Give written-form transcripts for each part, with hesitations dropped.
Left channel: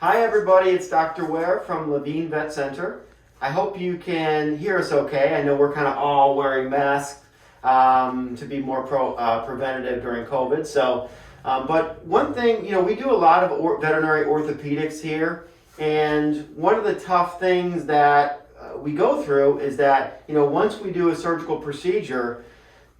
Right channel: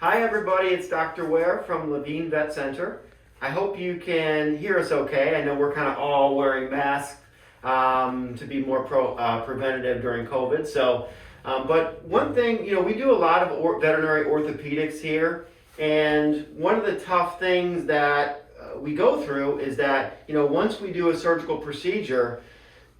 Hi everybody, it's Dr. Ware from Levine Vet Center. I hope you can hear us okay. I know we're kind of all wearing masks to be more preventative during COVID. But one thing, we do a lot of veterinary orthopedics here, and one of the tough things that we go through is that, once we do a surgical procedure,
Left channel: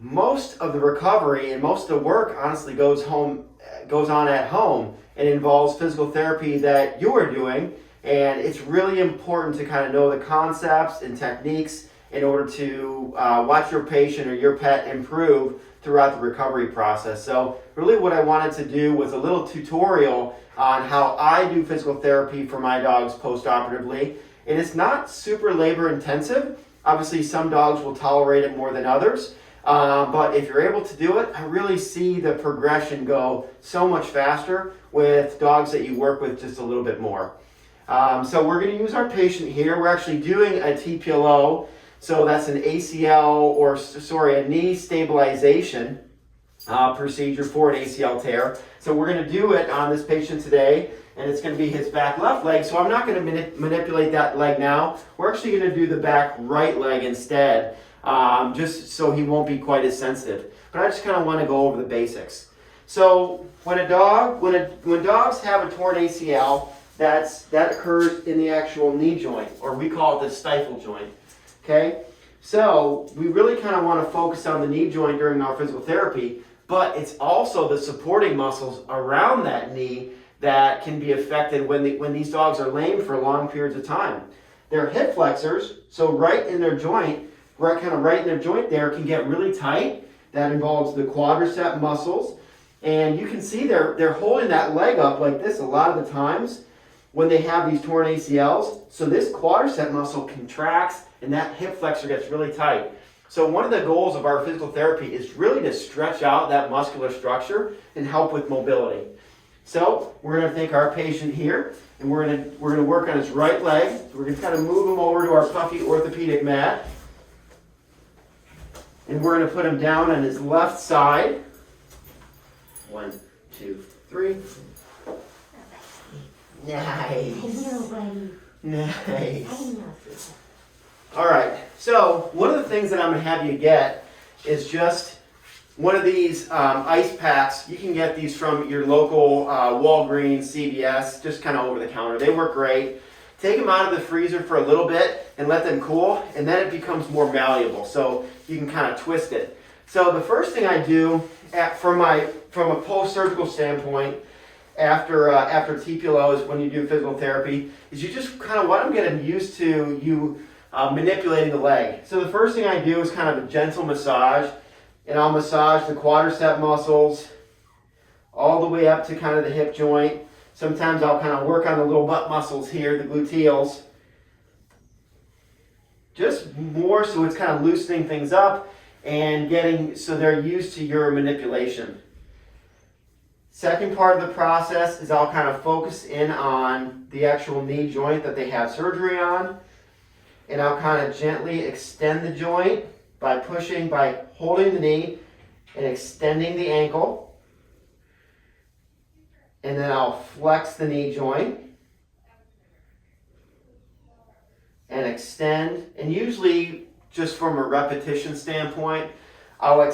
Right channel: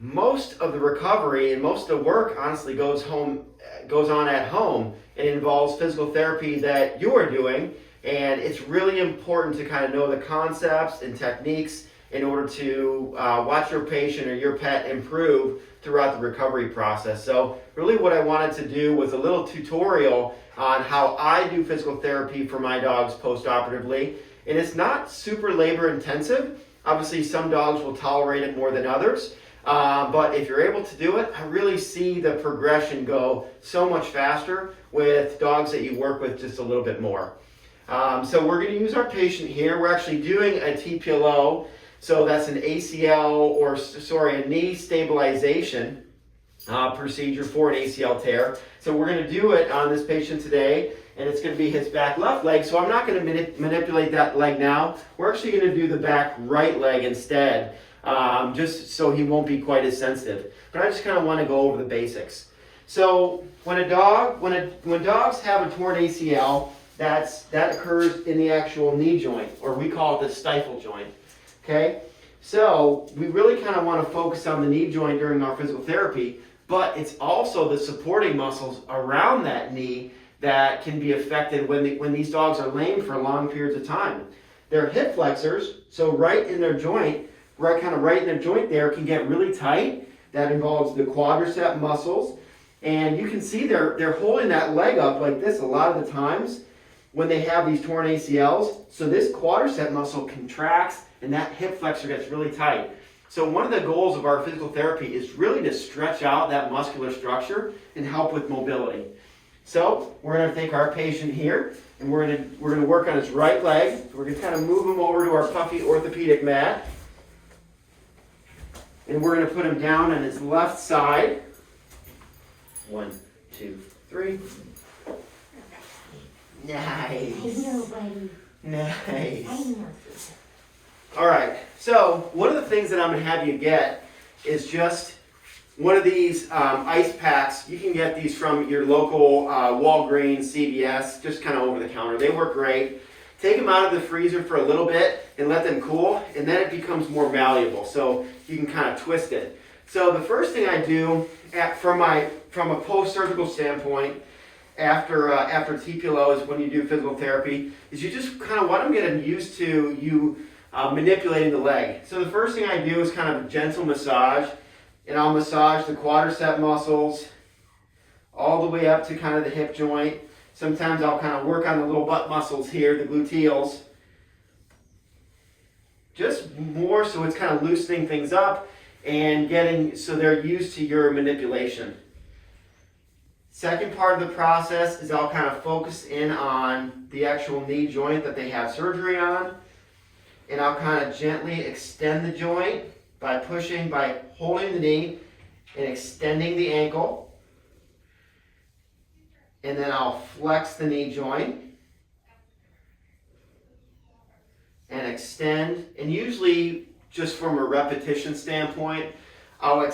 most of the recovery and most of the work honestly goes on at home and involves physical therapy that you are doing, and it's really important to kind of know the concepts and techniques in order to watch your patient or your pet improve throughout the recovery process. So really what I wanted to do was a little tutorial on how I do physical therapy for my dogs post-operatively, and it's not super labor intensive. Obviously some dogs will tolerate it more than others. But if you're able to do it, I really see the progression go so much faster with dogs that you work with just a little bit more. So we're going to use our patient here. We're actually doing a TPLO, so that's an a knee stabilization procedure for an ACL tear. So we're going to do it on this patient today, and it's going to be his back left leg. So I'm not going to manipulate that leg now. We're actually going to do the back right leg instead. Just so he won't be quite as sensitive. But I just kind of want to go over the basics. So when dogs have a torn ACL, that occurs in the actual knee joint, or we call it the stifle joint. Okay? So we really kind of want to focus on the knee joint during our physical therapy, but it's also the supporting muscles around that knee that can be affected when these dogs are lame for long periods of time. Their hip flexors, so right in their joint, right in their joint there, can get really tight. That involves the quadricep muscles. And you can see they're holding that leg up like this a lot of the times when they have these torn ACLs. So this quadricep muscle contracts and that hip flexor gets really tight. So one of the goals of our physical therapy is really to stretch out that muscular structure and help with mobility. So we're going to take our patient here and we're going to work on his right leg. We're going to kind of move him over to our puffy orthopedic mat. And we're going to put him down on his left side. 1, 2, 3. Nice. Nice. All right. So one of the things that I'm going to have you get is just one of these ice packs. You can get these from your local Walgreens, CVS, just kind of over the counter. They work great. Take them out of the freezer for a little bit and let them cool, and then it becomes more malleable. So you can kind of twist it. So the first thing I do from a post-surgical standpoint after TPLO is when you do physical therapy is you just kind of want to get them used to you manipulating the leg. So the first thing I do is kind of a gentle massage, and I'll massage the quadricep muscles all the way up to kind of the hip joint. Sometimes I'll kind of work on the little butt muscles here, the gluteals. Just more so it's kind of loosening things up and so they're used to your manipulation. Second part of the process is I'll kind of focus in on the actual knee joint that they have surgery on. And I'll kind of gently extend the joint by holding the knee and extending the ankle. And then I'll flex the knee joint and extend. And usually, just from a repetition standpoint, I'll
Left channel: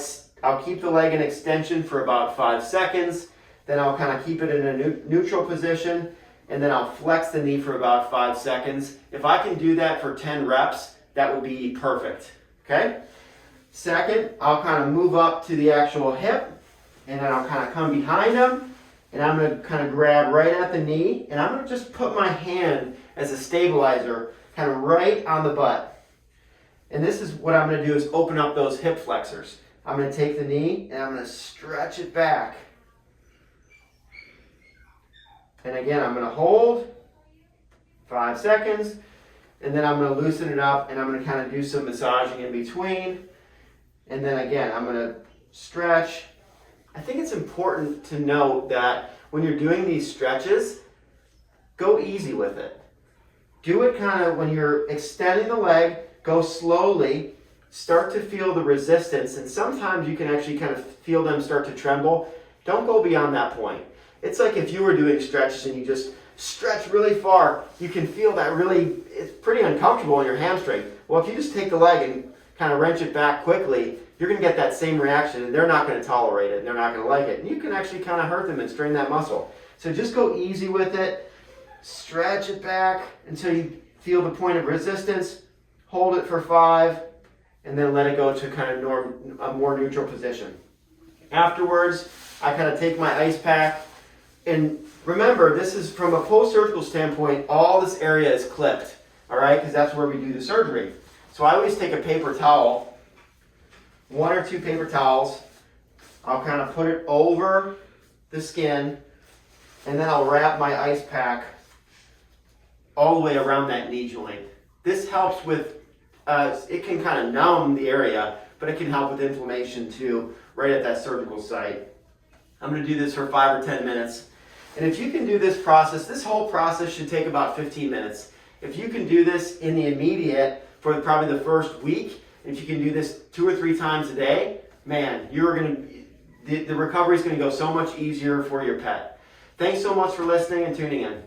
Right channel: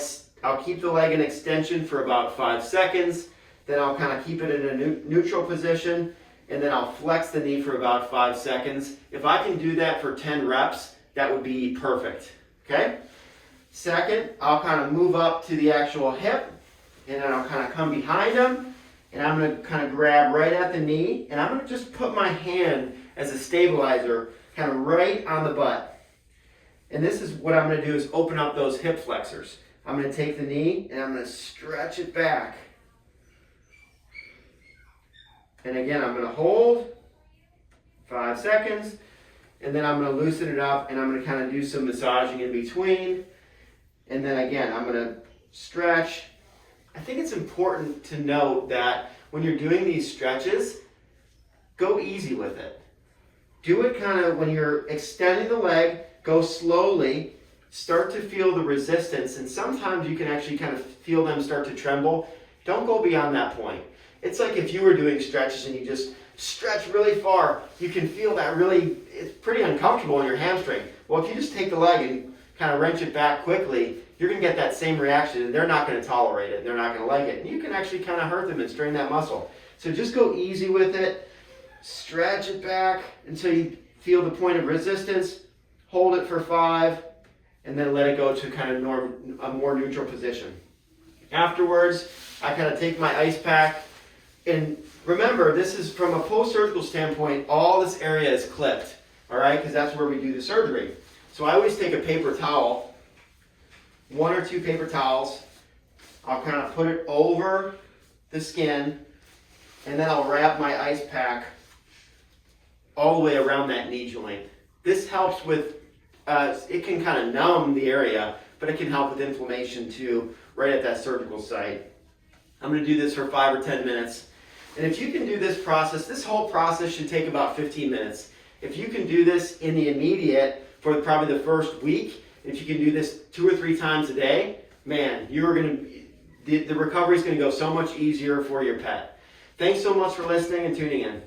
keep the leg in extension for about 5 seconds. Then I'll kind of keep it in a neutral position. And then I'll flex the knee for about 5 seconds. If I can do that for 10 reps, that would be perfect. Okay? Second, I'll kind of move up to the actual hip. And then I'll kind of come behind them. And I'm going to kind of grab right at the knee, and I'm going to just put my hand as a stabilizer, kind of right on the butt. And this is what I'm going to do is open up those hip flexors. I'm going to take the knee, and I'm going to stretch it back. And again, I'm going to hold 5 seconds, and then I'm going to loosen it up, and I'm going to kind of do some massaging in between. And then again, I'm going to stretch. I think it's important to note that when you're doing these stretches, go easy with it. Do it kind of when you're extending the leg, go slowly, start to feel the resistance, and sometimes you can actually kind of feel them start to tremble. Don't go beyond that point. It's like if you were doing stretches and you just stretch really far, you can feel that really, it's pretty uncomfortable in your hamstring. Well, if you just take the leg and kind of wrench it back quickly, you're going to get that same reaction, and they're not going to tolerate it, and they're not going to like it. And you can actually kind of hurt them and strain that muscle. So just go easy with it. Stretch it back until you feel the point of resistance. Hold it for 5, and then let it go to kind of a more neutral position. Afterwards, I kind of take my ice pack, and remember, this is from a post-surgical standpoint, all this area is clipped, all right, because that's where we do the surgery. So I always take a paper towel, 1 or 2 paper towels. I'll kind of put it over the skin, and then I'll wrap my ice pack all the way around that knee joint. This helps with, it can kind of numb the area, but it can help with inflammation too, right at that surgical site. I'm going to do this for 5 or 10 minutes. And if you can do this process, this whole process should take about 15 minutes. If you can do this in the immediate for probably the first week, and if you can do this 2 or 3 times a day, man, you're going to, the recovery is going to go so much easier for your pet. Thanks so much for listening and tuning in.